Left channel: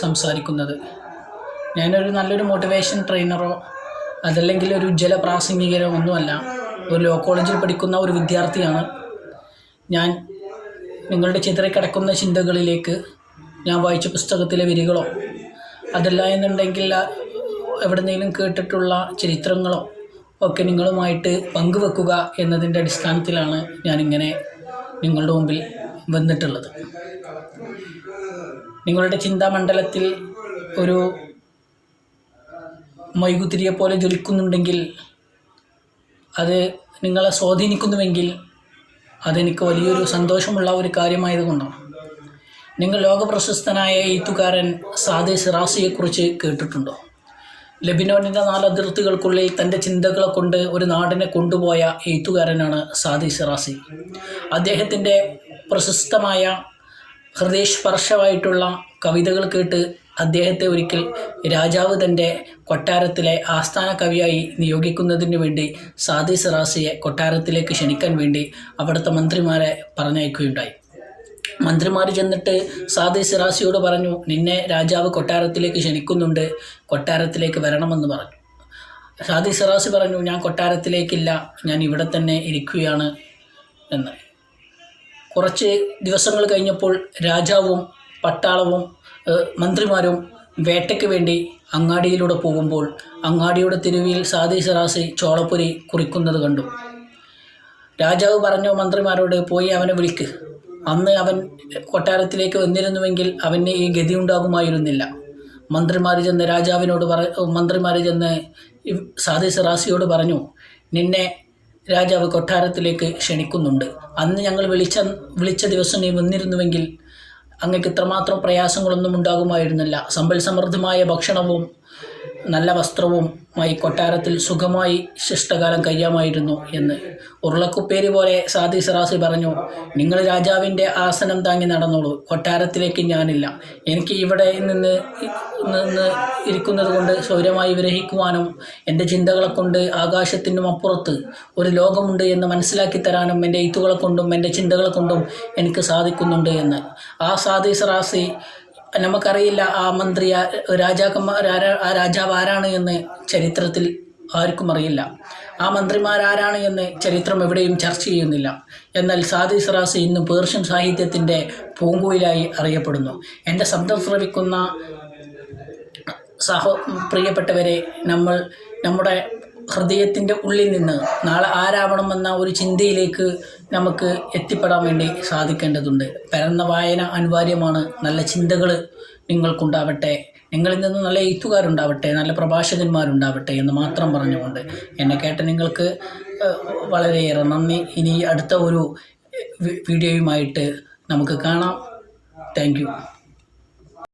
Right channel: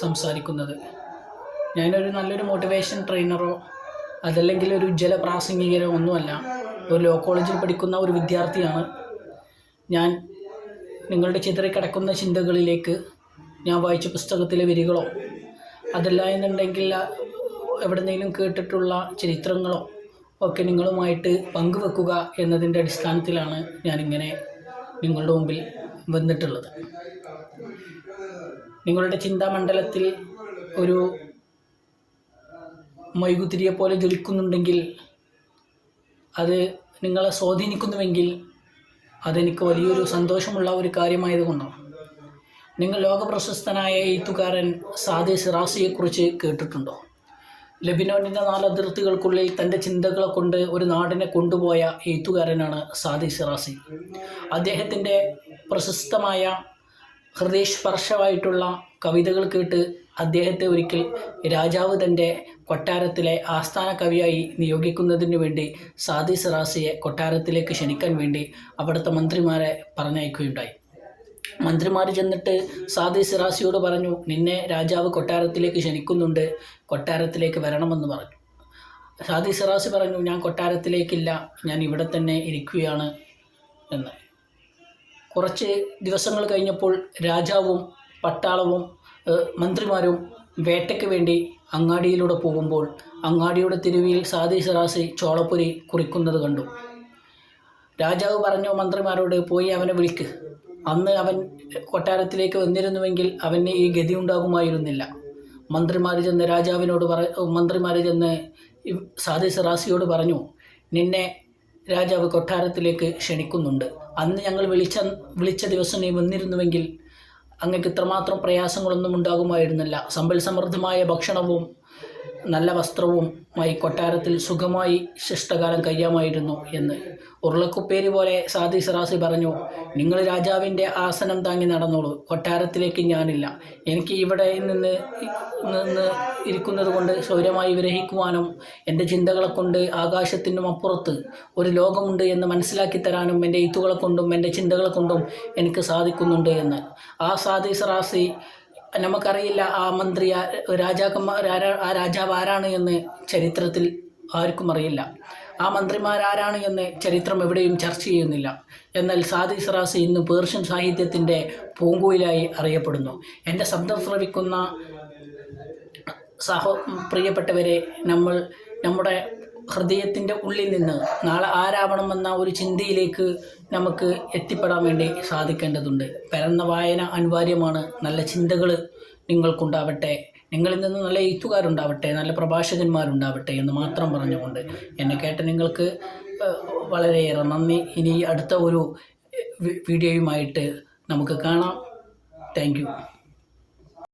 സംസാരിക്കുന്നത്. ഞാനൊരു നല്ലൊരു മോട്ടിവേഷൻ ട്രെയിനറോ അതല്ലെങ്കിൽ ഒരു ഉജ്ജ്വല പ്രാസംഗികരോ ഒന്നുമല്ല. ഒരു ലോ കോളേജിൽ പഠിക്കുന്ന ഒരു വിദ്യാർത്ഥിയാണ് ഞാൻ. നിങ്ങളുടെ ചിതറിക്കിടക്കുന്ന ചിന്തകളിലേക്ക് ഞാൻ വായിച്ച പുസ്തകത്തിലെ വരികളോ അതല്ല എന്നുണ്ടെങ്കിൽ എവിടെന്നെങ്കിലും കേട്ടിട്ടുള്ള ചരിത്രങ്ങളോ ഒക്കെ നിങ്ങളുമായിട്ട് പങ്കുവെക്കുക എന്നതിൻ്റെ അടിസ്ഥാനത്തിലാണ് ഞാനിങ്ങനെ നിങ്ങളുടെ മുമ്പിൽ വന്നിട്ടുള്ളത്. നിങ്ങളുടെ ചിന്താമണ്ഡലത്തിൽ ഒരു മൈകുതിരിയെപ്പോലെ ജ്വലിക്കുന്നുണ്ടെങ്കിൽ, അത് നിങ്ങളെ സ്വാധീനിക്കുന്നുവെങ്കിൽ അതെനിക്ക് വലിയൊരു സന്തോഷമുള്ള ഒരു കാര്യമായതുകൊണ്ടാണ്. നിങ്ങൾ ലോകപ്രശസ്തനായ എഴുത്തുകാരൻ സാദി സിറാസിയെക്കുറിച്ച് കേട്ടിട്ടുണ്ടോ? ലെബനോനിൻ്റെ 4 അതിർത്തികൾക്കുള്ളിൽ തൻ്റെ ചിന്തകളെ കൊണ്ട് ഒരു നാടിനെ കൊണ്ടുപോയ എഴുത്തുകാരനാണ് സാദി സിറാസി. അദ്ദേഹത്തിൻ്റെ പ്രശസ്തമായ ഹൃദയസ്പർശമായിട്ടുള്ള കവിതകൾ കേട്ട് അദ്ദേഹത്തെ ഒരിക്കൽ രാജാവ് തൻ്റെ കൊട്ടാരത്തിലെ ആസ്ഥാന കവിയായി നിയോഗിക്കുന്നതിന് വേണ്ടി സാദി സിറാസിയെ കൊട്ടാരത്തിലേക്ക് ക്ഷണിക്കാൻ വേണ്ടി അവിടുത്തെ മന്ത്രിമാരെ പറഞ്ഞയക്കുകയുണ്ടായി. മന്ത്രിമാർ ചെന്നിട്ട് സാദി സിറാസിയോട് പറഞ്ഞു, നിന്നെ രാജാവ് കൊട്ടാരത്തിലേക്ക് ക്ഷണിക്കുന്നുണ്ട്, കൊട്ടാരത്തിലേക്ക് വരണമെന്ന് പറഞ്ഞു. സാദി സിറാസി പറഞ്ഞു, ഞാൻ കൊട്ടാരത്തിലേക്കില്ല, ഞാൻ ഇവിടെ തന്നെ ഇരിക്കുകയാണ് എന്ന്. കുറച്ച് ദിവസങ്ങൾ കഴിഞ്ഞപ്പോൾ രാജാവും പട്ടാളവും മന്ത്രിമാരും വേട്ടയ്ക്ക് വേണ്ടി അങ്ങാടിയിലൂടെ പോകുമ്പോൾ അങ്ങാടിയുടെ തെരുവിൽ സാദി സിറാസി ചോളപ്പൊരി കുറിക്കുന്നത് കണ്ടു. രാജാവ് പറഞ്ഞു മന്ത്രിമാരോട്, പോയി അവനെ വിളിക്ക്. അന്ന് അവൻ കൊട്ടാരത്തിലേക്ക് വന്നിരുന്നുവെങ്കിൽ അവന് ഈ ഗതി ഉണ്ടാകുമായിരുന്നില്ല. മന്ത്രിമാർ ചെന്ന് സാദി സിറാസിയോട് പറഞ്ഞു, നിന്നെ രാജാവ് കൊട്ടാരത്തിലേക്ക് ക്ഷണിക്കുന്നുണ്ട്. അന്ന് ഞങ്ങൾ വിളിച്ച ദിവസം നീ വന്നിരുന്നുവെങ്കിൽ അങ്ങക്ക് ഇത്രമാത്രം പ്രയാസങ്ങളൊന്നും ഉണ്ടാകുമായിരുന്നില്ല. സമ്പൽ സമൃദ്ധമായ ഭക്ഷണവും നല്ല വസ്ത്രവുമായി കൊട്ടാരത്തിൽ സുഖമായി ശിഷ്ടകാലം കഴിയാമായിരുന്നു എന്ന്. ഉരുളക്കുപ്പേരി പോലെ സാദി സിറാസി പറഞ്ഞു, നിങ്ങൾ രാജാവിൻ്റെ ആസനം താങ്ങി നടന്നോളൂ, കൊട്ടാരത്തിലേക്ക് ഞാനില്ല. എനിക്ക് ഇവിടെ നിന്ന് ഇരിക്കുന്നത് കൊണ്ട് സ്വൈരമായി വിരഹിക്കുവാനും എൻ്റെ ചിന്തകളെ കൊണ്ട് ആകാശത്തിനും അപ്പുറത്ത് ഒരു ലോകമുണ്ട് എന്ന് മനസ്സിലാക്കി തരാനും എൻ്റെ എഴുത്തുകളെ കൊണ്ടും എൻ്റെ ചിന്തകളെ കൊണ്ടും എനിക്ക് സാധിക്കുന്നുണ്ട് എന്ന്. ആ സാദി സിറാസി, നമുക്കറിയില്ല ആ മന്ത്രി ആ രാജാവ് ആരാണ് എന്ന് ചരിത്രത്തിൽ ആർക്കും അറിയില്ല. ആ മന്ത്രിമാരാരാണ് എന്ന് ചരിത്രം എവിടെയും ചർച്ച ചെയ്യുന്നില്ല. എന്നാൽ സാദി സിറാസി ഇന്ന് പേർഷ്യൻ സാഹിത്യത്തിൻ്റെ പൂങ്കുയിലായി അറിയപ്പെടുന്നു. എൻ്റെ ശബ്ദം ശ്രവിക്കുന്ന പ്രിയപ്പെട്ടവരെ, നമ്മുടെ ഹൃദയത്തിൻ്റെ ഉള്ളിൽ നിന്ന് നാളെ ആരാവണമെന്ന ഒരു ചിന്തയിലേക്ക് നമുക്ക് എത്തിപ്പെടാൻ വേണ്ടി സാധിക്കേണ്ടതുണ്ട്. പരന്ന വായന അനിവാര്യമാണ്. നല്ല ചിന്തകൾ നിങ്ങൾക്കുണ്ടാവട്ടെ, നിങ്ങളിൽ നിന്ന് നല്ല എഴുത്തുകാരുണ്ടാവട്ടെ, നല്ല പ്രഭാഷകന്മാരുണ്ടാവട്ടെ എന്ന് മാത്രം പറഞ്ഞുകൊണ്ട് എന്നെ കേട്ട നിങ്ങൾക്ക് വളരെയേറെ നന്ദി. ഇനി അടുത്ത ഒരു വീഡിയോയുമായിട്ട് നമുക്ക് കാണാം. Thank you.